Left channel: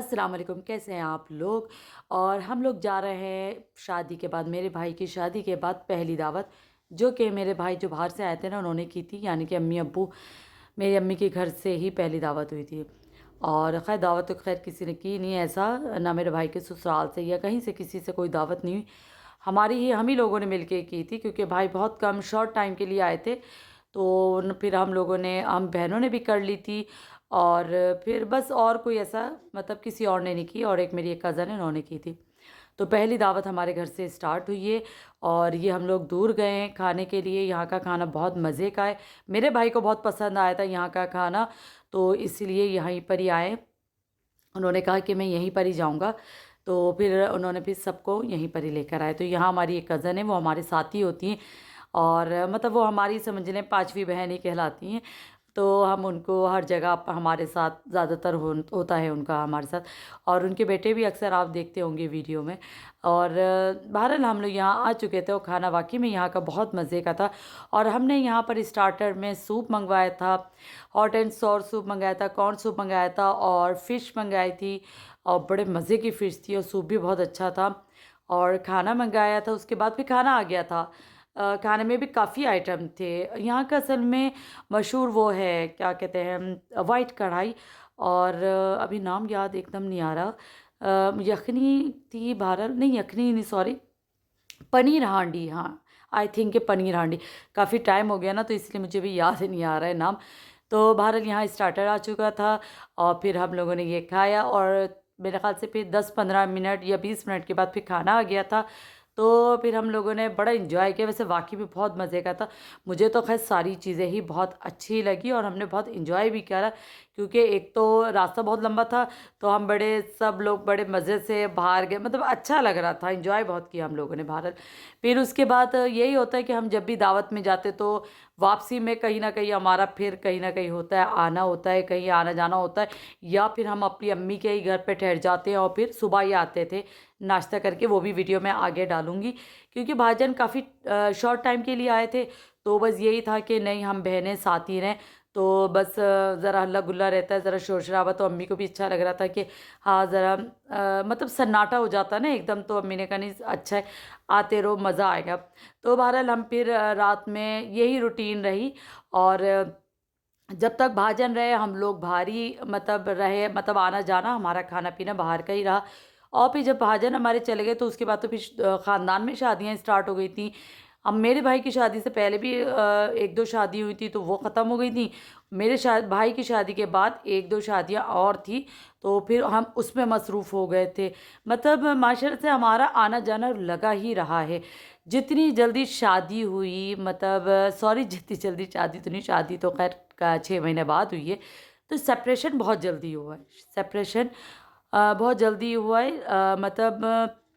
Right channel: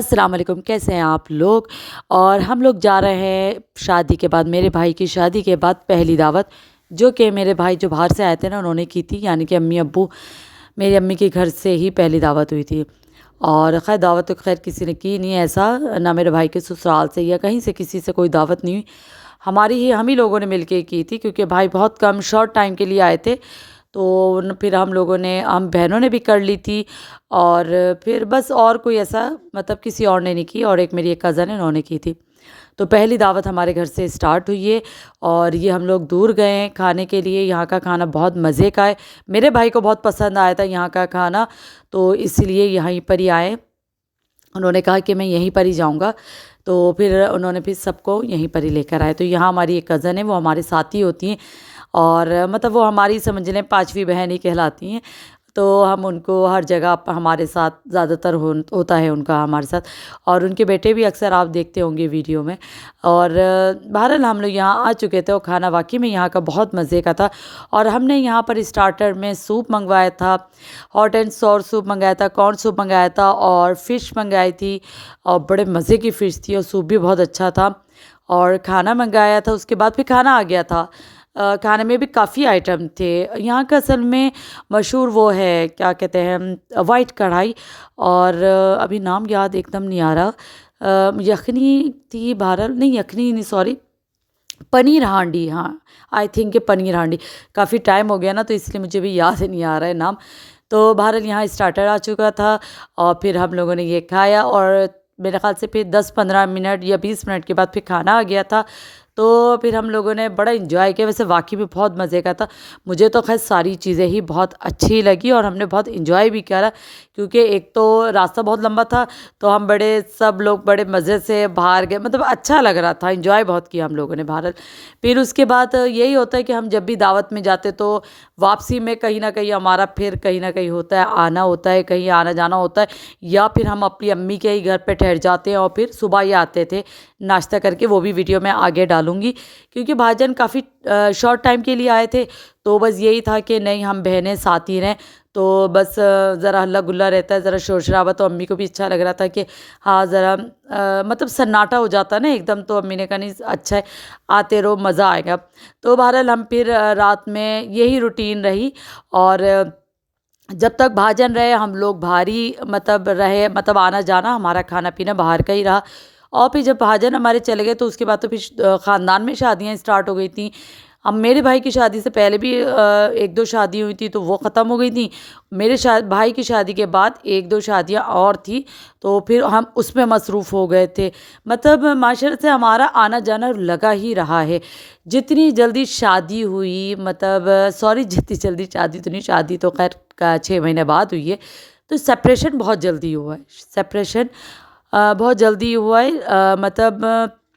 السلام علیکم، کیسے ہیں آپ لوگ؟ اور ہم لوگ جا رہے ہیں شادی کے بعد، میرے بھائی کی شادی کے بعد پہلی دعوت، جو کہ میرے بھائی جو باہر سے آئے تھے نا انہوں نے کی تھی، یعنی کہ امی ابو میری امی کے گھر سے ہی پہلی دعوت ہوئی تھی۔ اور خیر دعوت تو خیر کسی نے کی نہیں ایسا، نہ میرے بھائی کے سسرال سے یا کہیں سے کسی سے کوئی دعوت نہیں ہوئی، ہماری ہی ہم ہی لوگوں نے مل کے کی تھی، کیونکہ بھائی بہت کم شارٹ ٹائم کے لیے آئے تھے۔ تو پھر ہم لوگوں نے، ہم بہنوں نے بھی کر لی تھی، اور پھر بس اور کوئی ایسا مطلب کسی اور نے نہیں کی، اور ایک میری ایک کزن ہے انہوں نے کی تھی۔ تو پہلی دعوت ہمارے گھر سے اسٹارٹ ہوئی ہے، اور یہ ہم لوگ دور گئے ہیں کھانے کے لیے۔ یہاں کا کھانا بہت مزے کا ہے، میرے بھائی کو بہت پسند آیا تھا یہاں کا کھانا، تو اس لیے یہیں پر ہی آئے۔ انہوں نے کہا کہ میں یہیں پر ہی جاؤں گا، تو پھر انہوں نے پھر سب کو یہیں پر ہی لے کر آئے۔ تو یہاں ہماری ایک کزن ہے، وہ ہمارے ساتھ ہی ہوتی ہیں، اور مطلب وہ ہماری سمجھ لیں پانچویں بہن ہی کہلاتی ہیں۔ تو ہم ان کو ہر جگہ ہمارے ساتھ زیادہ تر ہوتا ہے ان کا ہمارے ساتھ، اور ان کے بیٹے بھی اکثر آپ دیکھتے ہوں گے ویڈیو میں۔ اور بہرحال ہم لوگ یہاں آ چکے تھے، اور کھانا واقعی میں یہاں کا بہت مزے کا تھا۔ اور ہم نے یہاں پر اسٹارٹر میں سوپ منگوایا تھا، ہاٹ اینڈ سور سوپ منگایا تھا، کارن سوپ منگایا تھا، اور فش منگائی تھی، اور بڑے مزے کی فش تھی، اور سوپ بھی بہت اچھا تھا۔ اور کھانا منگایا تھا، اس کے بعد پھر کھانا آ گیا تھا۔ کھانے میں بھی کافی آئٹم تھے یہاں کا، اصل میں مشہور وہ ہے کیا کہتے ہیں، وائٹ کڑھائی، اور ابھی نام یاد ایک دم نہیں آ رہا، یخنی تھی، بہرحال نہیں یخنی نہیں، سوری، پنیر ہانڈی، ہاں آئی تھنک کہ پنیر ہانڈی، کافی ٹائم ہو گیا نا تو اس لیے مجھے بھی یاد نہیں آ رہا ہے نام۔ تو بہرحال یہاں اسٹارٹر آ چکا تھا، اور پھر ہم لوگوں نے یہ کھایا، اور میرے خیال سے پھر 10-15 منٹ یا 20 منٹ کے بعد پھر کھانا آ گیا تھا۔ تو پھر ہم لوگوں نے بڑا انجوائے کیا، ویسے واقعی میں بہت مزے کا تھا۔ مجھے تو خیر ساری چیزیں ہی بہت اچھی لگی، اور ہم نے بہت انجوائے بھی کیا، کیونکہ ایک تو راستہ بہت لمبا تھا، تو ہم سب لوگ بڑے مزے سے باہر گئے، مطلب اچھا لگ رہا تھا، انجوائے بہت کیا ہم لوگوں نے بہرحال۔ پھر اس کے بعد یہی ہوتا ہے کہ ہم جب بھی دعوت میں جاتے تو واپسی میں کہیں نہ کہیں ہمارا پھر کہیں نہ کہیں ہوتا ہے، آنا ہوتا ہے، کہیں آنا جانا ہوتا ہے، یا پھر ہم اپنی امی کے ہی گھر پہ ٹھہر جاتے ہیں، اور پھر صبح ہی آتے تھے ناشتہ کر کے، وہ بھی ویڈیو میں آگے ڈالوں گی، کیونکہ بھائی جان کافی شارٹ ٹائم کے لیے آئے تھے، تو بس یہی تھا کہ نہیں ہم بہنیں ساتھ ہی رہیں، تو بس ذرا ہلا گلا رہتا ہے، ذرا شور شرابہ، تو امی کو بھی اچھا لگ رہا تھا کہ ہاں ذرا مطلب سناٹا ہو جاتا ہے نا ایک دم، تو امی نے کہا نہیں اچھا ہے، آتے رہو مزہ آئے گا۔ تو بہرحال ہم پھر رات میں یہی روٹین رہی، اور جب تک بھاجن رہے ہم لوگ باہر ہی مطلب رہے، مطلب آنا جانا ہمارا کھانا پینا باہر کا ہی رہا۔ اور پھر جب بھاجن ہمارے چلے گئے تو اس کے بعد تو پھر خاندان میں شادیاں اسٹارٹ ہو گئی تھیں۔ اب میرے بھائی کی شادی سے پہلے بھی 1-2 شادی ہوئی تھی، تو وہ ختم ہو گئی تھیں۔ میرے بھائی کی شادی کے بعد 1-2 شادیاں اور تھیں، تو پھر ہم اس میں مصروف ہو گئے تھے، مطلب معاشرت سے ہمارا آنا جانا لگا ہی رہا ہے۔ جتنی جلدی شادی ہوئی، مطلب سوری جتنی جلدی شادی تو نہیں، شادی تو خیر 6 مہینے بعد ہوئی ہے، تو سپریشن بہت جلدی ہوا ہے، سپریشن بہت جلدی ہوا ہے، مطلب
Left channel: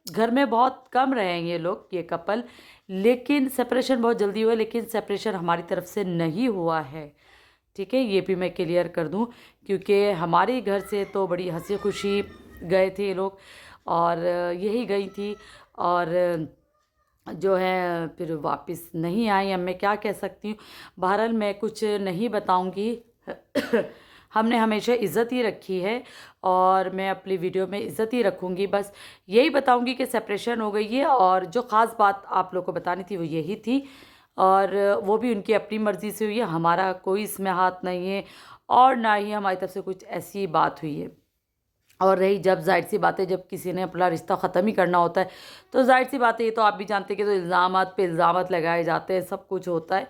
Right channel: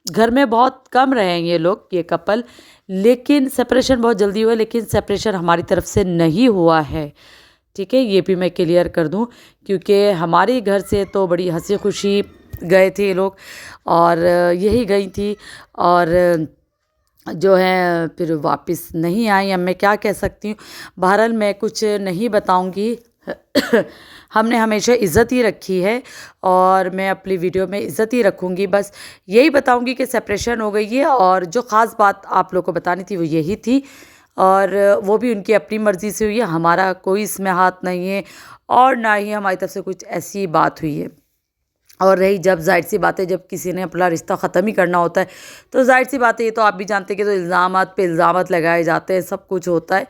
گھر میں بہت کم رہے ہیں یہ لوگ، یہ کپل، لیکن سپریشن بہت جلدی ہوا ہے، لیکن سپریشن ہماری طرف سے نہیں ہوا ہے، ٹھیک ہے، یہ بھی میں کلیئر کر دوں، کیونکہ ہمارے گھر سے تو بڑی ہنسی خوشی گئے تھے یہ لوگ، اور یہی گئی تھی، اور جو ہے پھر واپس نہیں آئی۔ اب میں کیا کہہ سکتی ہوں، بہرحال میں کچھ نہیں بتاؤں گی، ہم نے ہمیشہ عزت ہی رکھی ہے، اور میں اپنی ویڈیو میں عزت ہی رکھوں گی، بس یہی بتاؤں گی کہ سپریشن ہو گئی ہے، اور جو خاص بات آپ لوگ کو بتانی تھی وہ یہی تھی، اور وہ بھی ان کی اپنی مرضی سے ہوئی ہے، ہمارا کوئی اس میں ہاتھ نہیں ہے، اور نہ ہی ہماری طرف سے کچھ ایسی بات ہوئی ہے۔ اور رہی جب ظاہر سی بات ہے، جب کسی نے اپنا رشتہ ختم ہی کرنا ہوتا ہے تو ظاہر سی بات ہے، یہ تو آپ بھی جانتے ہیں کہ تو الزامات پہ الزامات لگائے جاتے ہیں، سب کچھ ہوتا ہے،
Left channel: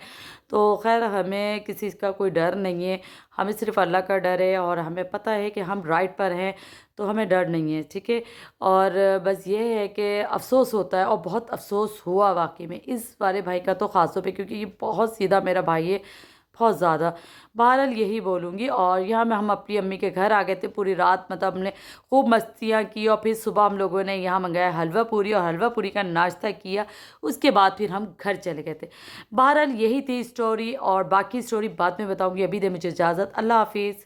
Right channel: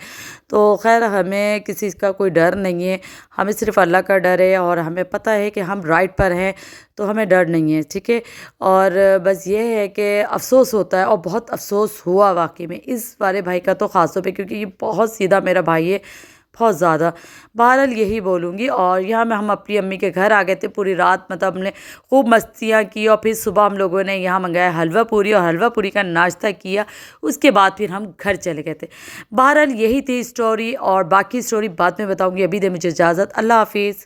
تو خیر ہمیں کسی کا کوئی ڈر نہیں ہے، ہمیں صرف اللہ کا ڈر ہے، اور ہمیں پتہ ہے کہ ہم رائٹ پر ہیں، تو ہمیں ڈر نہیں ہے، ٹھیک ہے۔ اور بس یہ ہے کہ افسوس ہوتا ہے، اور بہت افسوس ہوا واقعی میں اس والے بھائی کا تو خاص طور پہ، کیونکہ یہ بہت سیدھا میرا بھائی ہے، بہت زیادہ۔ بہرحال یہی بولوں گی، اور یہاں میں ہم اپنی امی کے گھر آ گئے تھے، پوری رات مطلب ہم نے خوب مستیاں کی، اور پھر صبح ہم لوگوں نے یہاں منگایا حلوہ پوری، اور حلوہ پوری کا ناشتہ کیا، اس کے بعد پھر ہم گھر چلے گئے تھے۔ بہرحال یہی تھی اسٹوری، اور باقی اسٹوری بعد میں بتاؤں گی، ابھی دے مجھے اجازت، اللہ حافظ۔